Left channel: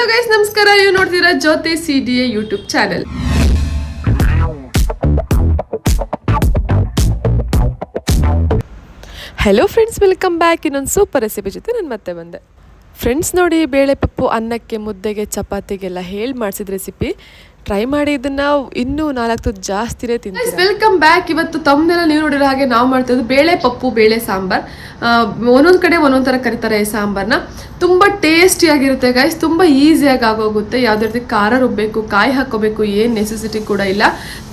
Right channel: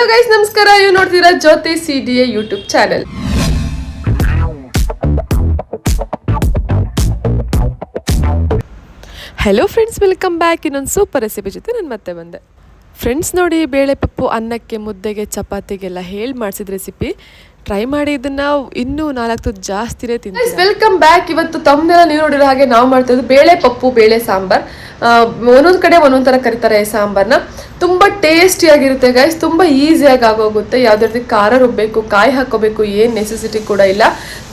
Hello guys, ನಮಸ್ಕಾರ. ನೀವು ನೋಡ್ತೀರಾ ಜ್ಯೋತಿ CDA YouTube channel. Hello friends, welcome back. ಇನ್ನೊಂದು ಸೂಪರ್ ರೆಸಿಪಿ ಜೊತೆ ನಾನು ಮತ್ತೆ ಬಂದೆ. ಫ್ರೆಂಡ್ಸ್ ನೋಡಿ, ಬೇಳೆ ಪಪ್ಪು ಅನ್ನಕ್ಕೆ, ಮುದ್ದೆಗೆ, ಚಪಾತಿಗೆಲ್ಲ ಹೇಳಿ ಮಾಡಿಸಿದ ರೆಸಿಪಿ ಟ್ರೈ ಮಾಡಿ. ಇದನ್ನ ಇನ್ನೂ 4 ತುತ್ತು ಜಾಸ್ತಿನೇ ತಿಂತೀವಿ. Welcome back. ಇವತ್ತು ತಮ್ಮನೆಲ್ಲ ನೀವು ನೋಡಿರೋ ಹಾಗೆ ನಾವು ಮಾಡ್ತಿರೋದು ಬೇಳೆ ಪಪ್ಪು, ಬೇಳೆ ಸಾಂಬಾರ್. ಒಂದೊಂದು ಕಡೆ ಒಂದೊಂದು ಥರ ಕರೀತಾರೆ ಈ ಸಾಂಬಾರ್ನ. ತುಂಬ ಟೇಸ್ಟಿಯಾಗಿರುತ್ತೆ ಗೈಸ್, ತುಂಬ ಈಸಿಯಾಗಿ ಆಗೋಗುತ್ತೆ. ಯಾವುದೇ ರೀತಿ ಖಾರ ರುಬ್ಬಬೇಕು, ಕಾಯಿ ಹಾಕೋಬೇಕು ಏನು ನೆಸೆಸಿಟಿ ಕೂಡ ಇಲ್ಲ.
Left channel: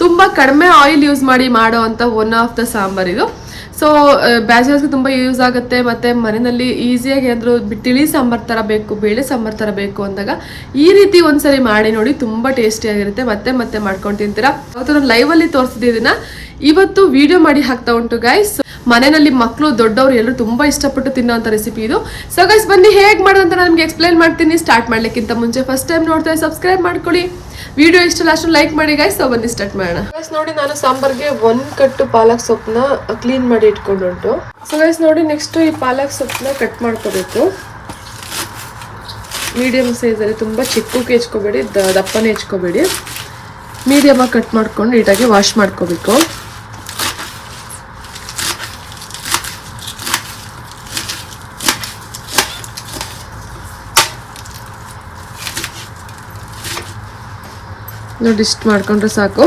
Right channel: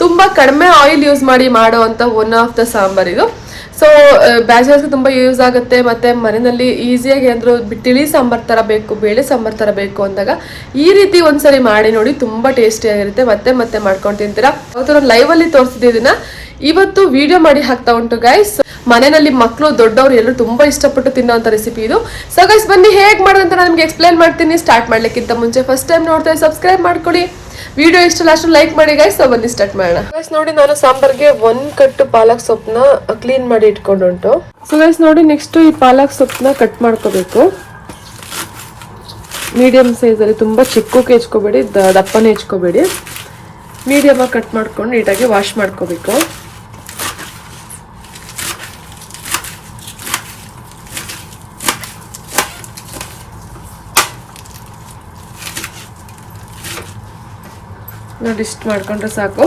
ತುಂಬ ಕಡಿಮೆ ಆಯಿಲ್ ಯೂಸ್ ಮಾಡಿ ಮಾಡೋ ಅಂಥ ಒನ್ ಆಫ್ ದ ಸಾಂಬಾರ್ ಇದು. ಸೊ ಬ್ಯಾಚಲರ್ಸ್ಗೆ ತುಂಬ ಯೂಸ್ ಆಗುತ್ತೆ. ಮತ್ತು ಮನೆಯಲ್ಲಿ ಈಸಿಯಾಗಿ ಏನಾದರೂ ತಿಳಿ ಸಾಂಬಾರು ಥರ ಬೇಕು, ಬೇಳೆ ಸಾಂಬಾರು ಥರ ಬೇಕು ಅಂದಾಗ ಈ ರೀತಿ ಒಂದ್ಸರಿ ಮಾಡಿ ನೋಡಿ, ತುಂಬ ಟೇಸ್ಟಿಯಾಗಿರುತ್ತೆ. ಮತ್ತೆ ಮತ್ತೆ ಮಾಡ್ಕೊಂಡು ತಿಂತೀರಾ. ಅವತ್ತು ನಾನು ಲೈವಲ್ಲಿ ತೋರಿಸಿದ್ದನ್ನ ಇವತ್ತು ವಿಡಿಯೋ ಮಾಡಿ ಹಾಕ್ತಾ ಉಂಟು ಗೈಸ್. ಮನೆಯಲ್ಲಿ ಮಕ್ಕಳು ದೊಡ್ಡವರು ಎಲ್ಲರೂ ತುಂಬ ಇಷ್ಟಪಟ್ಟು ತಿನ್ನೋಂಥ ರೆಸಿಪಿ ಇದು. ಸೊ ಗೈಸ್, ಬನ್ನಿ ಹೇಗೆ ಮಾಡೋದಂತ ನಾನು ನಿಮಗೆ ಎಕ್ಸ್ಪ್ಲೈನ್ ಮಾಡ್ತೀನಿ. ಸ್ಟಾರ್ಟ್ ಮಾಡ್ಲಿಕ್ಕಿಂತ ಮುಂಚೆ ಫಸ್ಟ್ ಟೈಮ್ ನೋಡ್ತಾರೆ ಸಬ್ಸ್ಕ್ರೈಬ್ ಮಾಡ್ಕೊಳ್ಳಿ. ವಿಡಿಯೋ ಇಷ್ಟ ಲಾಸ್ಟ್ ಲೈಕ್ ಮಾಡಿ ಗೈಸ್. ಸೊ ಬನ್ನಿ ಸ್ಟಾರ್ಟ್ ಮಾಡೋಣ. ಗೈಸ್ ನೋಡಿ, ನಾನು ಸಾಂಬಾರ್ಗೆ 1 ಕಟ್ಟು ಪಾಲಕ್ ಸೊಪ್ಪನ್ನ ಕ್ಲೀನ್ ಮಾಡಿ ಇಟ್ಕೊಂಡುಂಟು. ಸೊ ಗೈಸ್ ನೋಡಿ, ನೆಕ್ಸ್ಟ್ ಈ ಪಾಲಕ್ ಸೊಪ್ಪನ್ನ ಕಟ್ ಮಾಡ್ಕೋಬೇಕು. ಮೀಡಿಯಂ ಸೈಜಲ್ಲಿ, ತುಂಬ ಚಿಕ್ಕಕ್ಕೆ ಹೆಚ್ಕೋಬೇಡಿ, ದಪ್ಪನೇ ಹೆಚ್ಕೋಬೇಡಿ. ಮೀಡಿಯಮಾಗಿ ಕಟ್ ಮಾಡ್ಕೊಂಡು ನೀಟಾಗಿ ವಾಶ್ ಮಾಡ್ಕೋಬೇಕು. ನೋಡಿ, ಇಷ್ಟು ಮಾಡ್ಕೊಂಡ್ರೆ ಸಾಕು.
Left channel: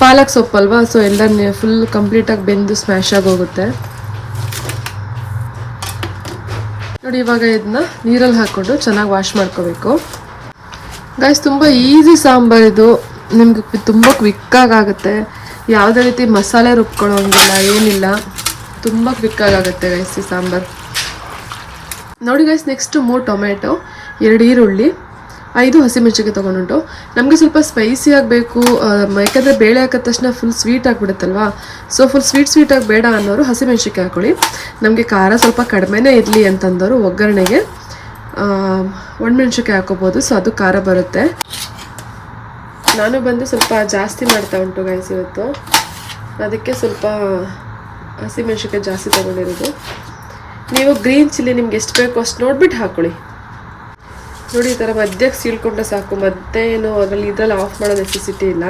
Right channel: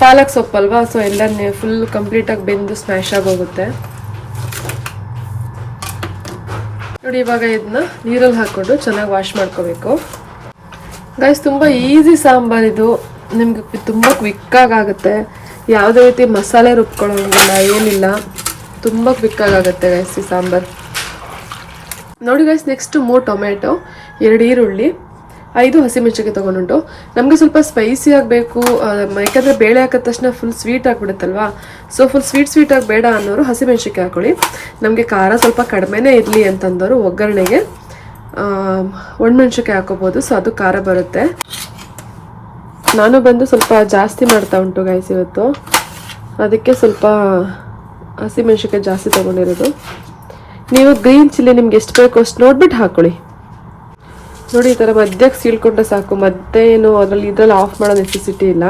ಪಾಲಕ್ ಸೊಪ್ಪಲ್ವಾ, ಸೊ ಎಲ್ಲ ಫುಲ್ ಕಂಪ್ಲೀಟಾಗಿ ಬೆಂದು ಸ್ಮ್ಯಾಶ್ ಆಗಿ ಹೋಗುತ್ತೆ. ನೋಡಿ, ಇವಾಗ ಇದನ್ನ ನೀರಲ್ಲಿ ಹಾಕ್ಕೊಂಡು ಚೆನ್ನಾಗಿ ವಾಶ್ ಮಾಡ್ಕೋಬೇಕು. ಗೈಸ್, ತುಂಬ ಈಸಿ ಸಾಂಬಾರ್ ಇದು. ನಿಮ್ಗೆ ತುಂಬ ಕ್ವಿಕ್ಕಾಗುತ್ತೆ. ಯಾವುದೇ ರೀತಿ ಮಸಾಲೆ ರುಬ್ಕೊಳ್ಳೋಂಗಿಲ್ಲ, ಏನಿಲ್ಲ. ತುಂಬ ಕ್ವಿಕ್ಕಾಗುತ್ತೆ ಗೈಸ್ ಈ ಸಾಂಬಾರು. ನೋಡಿ ಗೈಸ್, ನೆಕ್ಸ್ಟ್ 3 ಟೊಮೆಟೊ, 2 ಈರುಳ್ಳಿ, 5 ಹಸಿಮೆಣಸಿನಕಾಯಿ ತೊಗೊಂಡುಂಟು. ನಮಗೆ ಸ್ವಲ್ಪ ಸ್ಪೈಸಿ ಆಗಬೇಕು, ಯಾಕಂದರೆ ಬೇಳೆ ಹಾಕಿದ ತಕ್ಷಣ ಫುಲ್ ಸ್ವೀಟ್ ಆಗಿಬಿಡುತ್ತಲ್ವಾ. ಸೊ ಫುಲ್ ಸ್ವೀಟ್ ಬೇಡ ಅನ್ನೋರು ಹಸಿಮೆಣಸಿನಕಾಯಿ ಹಾಕೊಳ್ಳಿ. ನಮಗೆ ಖಾರ ಸ್ವಲ್ಪ ಕಡಿಮೆನೇ ಇರಲಿ ಅಂತಂದವರು ಒಗ್ಗರಣೆಗೆ ಒಣಮೆಣಸಿನಕಾಯಿ ಹಾಕೋಬೋದು. ಸೊ ಅದು ಖಾರ ಬರುತ್ತೆ. ನಾನು ಬಂದು ಸ್ವಲ್ಪ ಜಾಸ್ತಿ ಮಾಡ್ತಾ ಉಂಟು ಗೈಸ್ ಇವತ್ತು, ಅದಕ್ಕೆ ಸ್ವಲ್ಪ ಹಸಿಮೆಣಸಿನಕಾಯಿ ಜಾಸ್ತಿ ತೊಗೊಂಡಿರೋದು. ನೀವು ಗ್ರೀನ್ ಚಿಲ್ಲಿ ನಿಮ್ಗೆ ಎಷ್ಟು ಬೇಕೋ ಅಷ್ಟು ನೋಡ್ಬಿಟ್ಟು ಹಾಕ್ಕೊಳ್ಳಿ. ನೋಡಿ, ಈ ಥರ ಮಧ್ಯಕ್ಕೆ ಸೀಳ್ಕೊಂಡ್ರೆ ಸಾಕು. ಮತ್ತೆ ಏನು ಇದ್ರಲ್ಲಿ ಆಫ್ ಮಾಡೋ ನೆಸೆಸಿಟಿ ಇಲ್ಲ.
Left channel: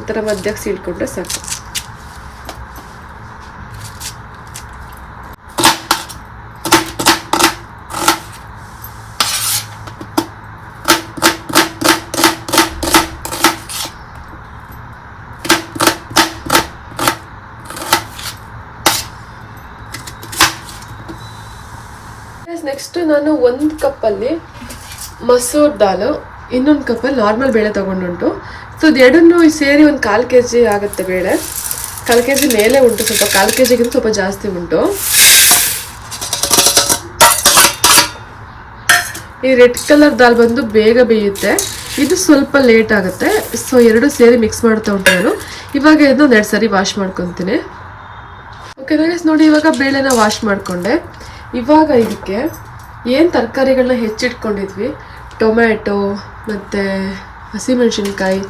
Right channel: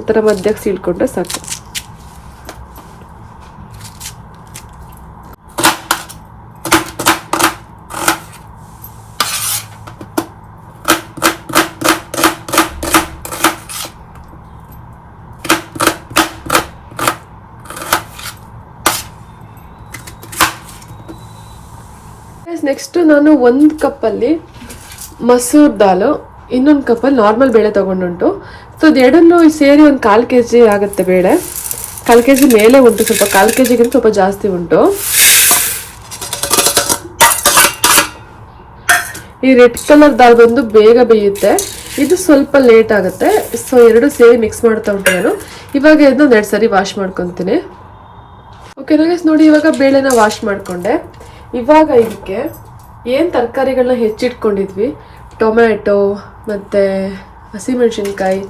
ಈ ಥರ ಮಧ್ಯಕ್ಕೆ ಸೀಳ್ಕೊಂಡ್ರೆ ಸಾಕು. ನೆಕ್ಸ್ಟ್ ನಾನು 1 ಕಪ್ಪಲ್ಲಿ ಮಸೂರ್ ದಾಲು, ಇನ್ನೊಂದು ಕಪ್ಪಲ್ಲಿ ನಾರ್ಮಲ್ ಬೇಳೆ ತೊಗೊಂಡುಂಟು. ಸೊ ಇದೆರಡನ್ನು ಸೇರಿ ಒಂದು 1/4 kg ಆಗುತ್ತೆ ಬೇಳೆ. 1/4 kg ಮೇಲೆ ಉಂಟು, ಸ್ವಲ್ಪ 1/4 kgಗಿಂತ ಸ್ವಲ್ಪ ಜಾಸ್ತಿ ಉಂಟು. ಈ ರೆಡ್ ಕಲರ್ ದಾಲ್ ಬಂದು ಬೇಗ ಬೇಯುತ್ತೆ, ಇದು ಸ್ವಲ್ಪ ಲೇಟ್ ಆಗುತ್ತೆ. ಸೊ 2 ಸೇರಿ ಮಿಕ್ಸ್ ಮಾಡ್ತಾ ಉಂಟು ನಾನು. ಇವಾಗ ಇದನ್ನ 2 ಸರಿ ವಾಶ್ ಮಾಡ್ಕೊತೀನಿ. ಓಕೆ ಗೈಸ್, ನೋಡಿ ಇವಾಗ ಬೇಳೆನ ವಾಶ್ ಮಾಡಿಕೊಂಡೆ. ಇವಾಗ ಇದಕ್ಕೆ ಏನು ತರಕಾರಿಗಳನ್ನ ಹೆಚ್ಚಿಟ್ಕೊಂಡಿದ್ವಿ, ಟೊಮ್ಯಾಟೊ ಮತ್ತು ಹಸಿಮೆಣಸಿನ್ಕಾಯಿ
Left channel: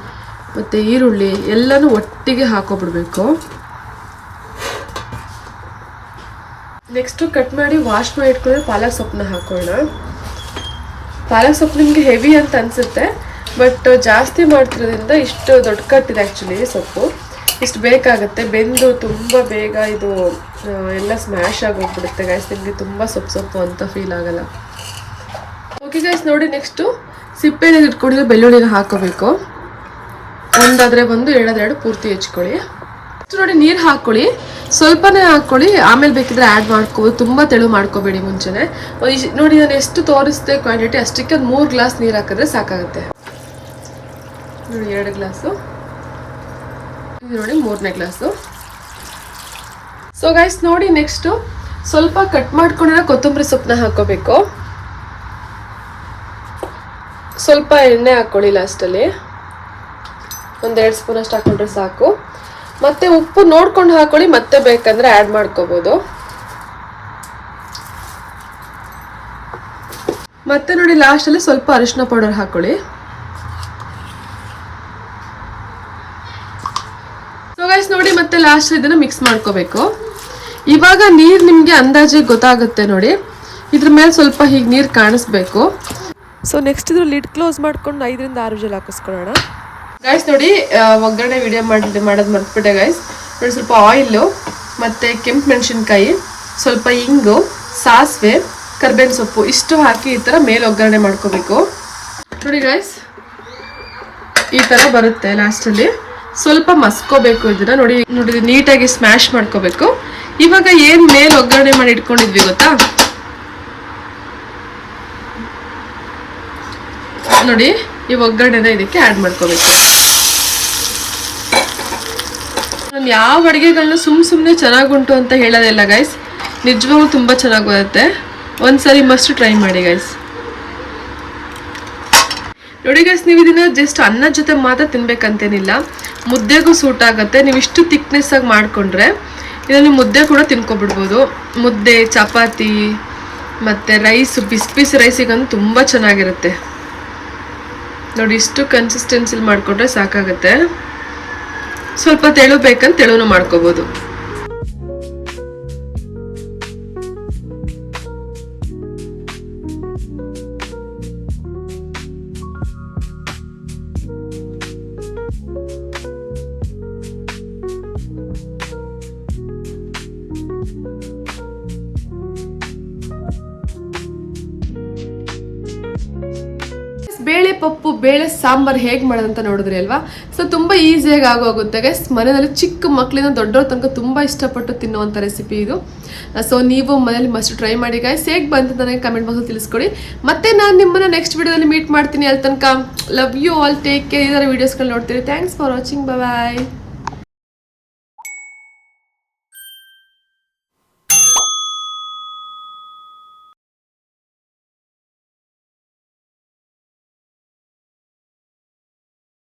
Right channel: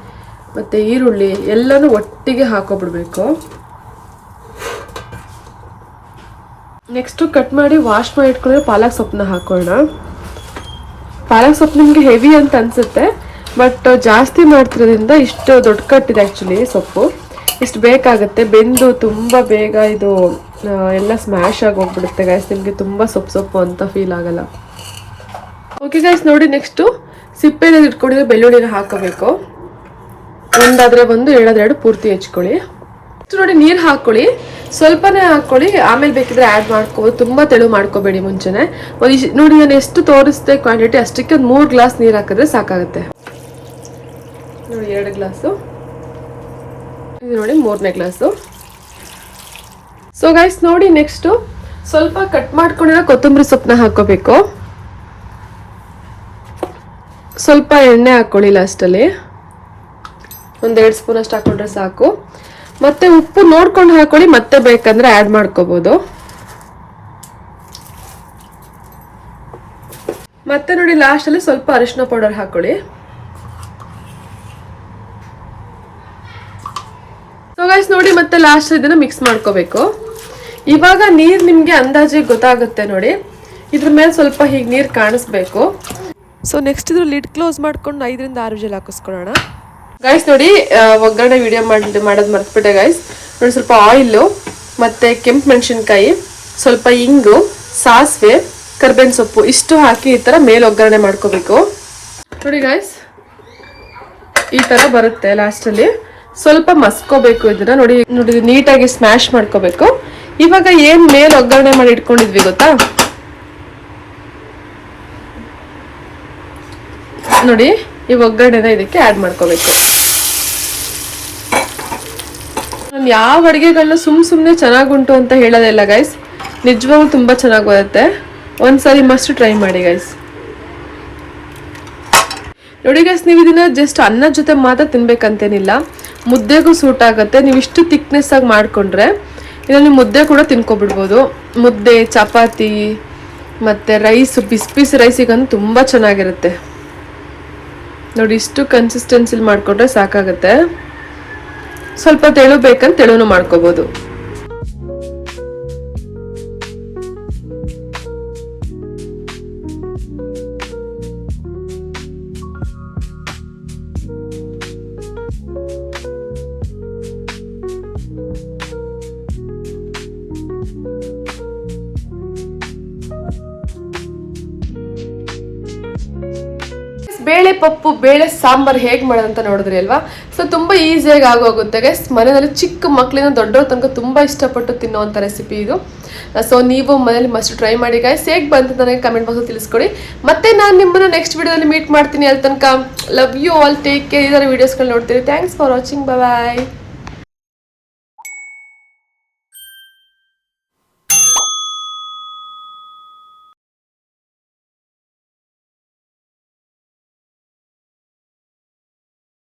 ಮತ್ತು ಈರುಳ್ಳಿ ಎಲ್ಲನೂ ಒಟ್ಟಿಗೆ ಹಾಕೋಬಿಡ್ಬೇಕು. ನೆಕ್ಸ್ಟು ಕಟ್ ಮಾಡಿ ವಾಶ್ ಮಾಡಿ ಇಟ್ಕೊಂಡ್ರೆ ಪಾಲಕ್ ಸೊಪ್ಪನ್ನ ಹಾಕೋಣ. ಪಾಲಕ್ ಸೊಪ್ಪು ನಿಮಗೆ ಹೆವಿ ಅಂತ ಅನಿಸುತ್ತೆ, ಬಟ್ ಜಾಸ್ತಿ ಮಾಡ್ತಿರೋದ್ರಿಂದ ಇಷ್ಟು ದೊಡ್ಡ ಕಟ್ಟಿದೆ ಆ್ಯಕ್ಚುಲಿ ಸೊಪ್ಪು. ಇಷ್ಟು ಬೇಕಾಗುತ್ತೆ. ಬೆಂದು ತುಂಬ ಬೇಗ ಇದು ಎಲ್ಲ ಸ್ಮ್ಯಾಶ್ ಆಗಿ ಹೋಗ್ಬಿಡುತ್ತೆ ಗ್ಯಾಸ್. ನಿಮಗೆ ತುಂಬ ಸೊಪ್ಪು ಅಂತ ಫೀಲ್ ಆಗಲ್ಲ. ಓಕೆ ಗ್ಯಾಸ್, ನೋಡಿ ನೆಕ್ಸ್ಟು ಸಿಪ್ಪೆನ ಇಟ್ಕೊಂಡಿರೋ ಬೆಳ್ಳುಳ್ಳಿನ ಹಾಕೋಬೇಕು. ಒಂದಾದರೆ 1, 2 2 ಪೂರ್ತಿ ಹೆಚ್ಕೊಳ್ಳಿ. ನೋಡಿ, ನೀರು ಹಾಕ್ಕೊಳ್ಳಿ, ಸ್ವಲ್ಪನೇ ಹಾಕ್ಕೊಳ್ಳಿ. ಆಮೇಲೆ ಬೇಕಿದ್ರೆ ಆ್ಯಡ್ ಮಾಡ್ಕೋಬೋದು. ತುಂಬ ತೆಳು ಮಾಡ್ಕೋಬೇಡಿ ಮುಂಚೆನೆ. ನೋಡಿ, ನಾನು ಎಷ್ಟು ತೋರಿಸಿದೆ ಕ್ವಾಂಟಿಟಿ ಅಷ್ಟಕ್ಕೆ ಒಂದು 3 ಗ್ಲಾಸ್ ನೀರು ಹಾಕಿದ್ರೆ ಸಾಕಾಗುತ್ತೆ. ನೋಡಿ, 2 ಗ್ಲಾಸು, ಇದು ನೋಡಿ 3ನೇ ಗ್ಲಾಸು. ಸೊ ಗೈಸ್ ನೋಡಿ, ನೆಕ್ಸ್ಟು ಸ್ವಲ್ಪ ಕಟ್ ಮಾಡ್ಕೊಂಡಿರೋ ಕೊತ್ತಂಬರಿ ಸೊಪ್ಪನ್ನ ಹಾಕೋಬೇಕು. ಸ್ವಲ್ಪ ಎಣ್ಣೆ ಹಾಕ್ಕೊಳ್ಳಿ ಲಾಸ್ಟಲ್ಲಿ, 1-2 ಸ್ಪೂನ್ ಅಷ್ಟು ಹಾಕೊಂಡ್ರೆ ಸಾಕು. ಮತ್ತೆ ಉಪ್ಪು ನೋಡ್ಕೊಂಡು ಹಾಕೊಳ್ಳಿ, ಮತ್ತೆ ಬೇಕಂದ್ರೆ ಆ್ಯಡ್ ಮಾಡ್ಕೋಬೋದು. ಮತ್ತೆ ನೋಡಿ, ಲಾಸ್ಟಲ್ಲಿ ಸ್ವಲ್ಪ ಅರಿಶಿನ ಪೌಡರ್ ಹಾಕೊಳ್ಳಿ. ಸೊ ಗೈಸ್ ನೋಡಿ, ಮತ್ತೆ ಲಾಸ್ಟ್ ಇದನ್ನ ಮಿಕ್ಸ್ ಮಾಡ್ಕೋಬೇಕು. ಇವಾಗ ನೀರು ನಿಮಗೆ ಅಂದಾಜಿಗೆ ಗೊತ್ತಾಗುತ್ತೆ ನೋಡಿ. ಇದ್ರ ಮೇಲೆ ಸ್ವಲ್ಪ ಹೀಗೆ ನೀರು ಕಾಣಿಸ್ಬೇಕು. ಸೊ ನೆಕ್ಸ್ಟ್ ಇದ್ರ ಲಿಡ್ ಕ್ಲೋಸ್ ಮಾಡ್ಕೊಂಡು 5ರಿಂದ 6 ವಿಷಲ್ ಹಾಕಿಸ್ಕೊಳ್ಳೋಣ. ಗೈಸ್ ನೋಡಿ ಒಗ್ಗರಣೆ ವಿಡಿಯೋ ಮಾಡೋದು ಮರ್ತ್ಬಿಟ್ಟೆ ಗೈಸ್. ನೋಡಿ ಸ್ವಲ್ಪ ಆಯಿಲು ಮತ್ತು ಕೆಂಪು ಮೆಣಸಿನ್ಕಾಯಿ, ಸ್ವಲ್ಪ ಇಂಗು, ಸಾಸಿವೆ, ಕರ್ಬೇವಿನ ಸೊಪ್ಪು ಇಷ್ಟು ಹಾಕಿ ಈ ಥರ ಮೇಲೆ ಒಗ್ಗರಣೆ ಮಾಡ್ಕೋಬೇಕು. ನೋಡಿ ಗೈಸ್ ಈ ಥರ ಬರುತ್ತೆ. ಲಾಸ್ಟಲ್ಲಿ ಸ್ವಲ್ಪ ಮಸ್ಕೋಬೇಕು ಇದನ್ನ. ನೋಡಿ ನೀಟಾಗಿ ಸ್ಮ್ಯಾಶ್ ಮಾಡ್ಕೋಬೇಕು. ಇವಾಗ ಏನು ಮೇಲೆ ಒಗ್ಗರಣೆ ಮಾಡಿ ಇಟ್ಕೊಂಡಿದ್ವಿ ಗೊತ್ತಾ, ನೋಡಿ ಈ ಒಗ್ಗರಣೆನ ಇದಕ್ಕೆ ಆ್ಯಡ್ ಮಾಡ್ಕೋಬೇಕು. ನಾನು ಯಾವ ಅಡುಗೆಗಳನ್ನ ಸುಮ್ಮನೆ ಚೆನ್ನಾಗುಂಟು ಅಂತ ಹೇಳೋದಿಲ್ಲ ಗೈಸ್, ನಿಜವಾಗ್ಲೂ ತುಂಬ ಚೆನ್ನಾಗಿ ಬರುತ್ತೆ. ಒಂದ್ಸರಿ ಮಸ್ಟ್ ಟ್ರೈ ಮಾಡಿ ಗೈಸ್. ನೋಡಿ ಗೈಸ್, ನೀವು ಇದನ್ನ ಜಸ್ಟ್ ಅನ್ನದ ಜೊತೆ ಮಾತ್ರ ತಿನ್ಬೇಕಂತೇನಿಲ್ಲ, ಮುದ್ದೆಗೂ ಸೂಟ್ ಆಗುತ್ತೆ. ನೀವು ಇಷ್ಟು ಥಿಕ್ನೆಸ್ ಆಗಿ ಮಾಡಿಕೊಂಡ್ರೆ ಇದನ್ನು ನೀವು ಮುದ್ದೆ ಕೂಡ ತಿನ್ಕೊಬಿಡ್ಬೋದು. ಮುದ್ದೆ, ಚಪಾತಿ ಮತ್ತು ರೈಸ್, ಬಿಸಿ ರೈಸಿಗಂತೂ ತುಂಬ ಚೆನ್ನಾಗಿರುತ್ತೆ. ನೋಡಿ ಇಷ್ಟು ಕನ್ಸಿಸ್ಟೆನ್ಸಿಲಿ ಮಾಡಿಕೊಂಡ್ರೆ ಸಾಕಾಗುತ್ತೆ. ಸ್ವಲ್ಪ ತೆಳು ಬೇಕಂತ ತೆಳುನು ಮಾಡ್ಕೋಬೋದು. ಬೇಳೆ ಪಪ್ಪು, ಬೇಳೆ ಸಾಂಬಾರು ಹೇಗೆ ಮಾಡೋದಂತ ನೋಡಿದ್ರಿ ಅಲ್ವಾ. ಸೊ ತುಂಬ ಈಸಿಯಾಗಿ ಆಗೋಗುತ್ತೆ ಗೈಸ್. ಮನೆಯಲ್ಲಿ ಚಿಕ್ಕ ಮಕ್ಕಳಿಂದ ದೊಡ್ಡವ್ರ ತನಕ ತುಂಬ ಇಷ್ಟಪಟ್ಟು ತಿನ್ನುವಂಥ ರೆಸಿಪಿ ಇದು. ಸೊ ನೀವು ಮನೇಲಿ ಮಸ್ಟ್ ಟ್ರೈ ಮಾಡಿ ಗೈಸ್. ಹೇಗೆ ಬಂತು ನನಗೆ ಕಮೆಂಟ್ ಬಾಕ್ಸಲ್ಲಿ ತಿಳಿಸ್ಕೊಡಿ. ಮತ್ತೆ ನಾನು ನಿಮ್ಮನ್ನು ನೆಕ್ಸ್ಟ್ ವಿಡಿಯೋದಲ್ಲಿ ಮೀಟ್ ಮಾಡ್ತೀನಿ. ಅಲ್ಲಿ ತನಕ love you all, take care. ಇದರ ವೀಡಿಯೋಸ್ಗಳು ನೋಡ್ತೀರಿ. Thanks for watching, bye.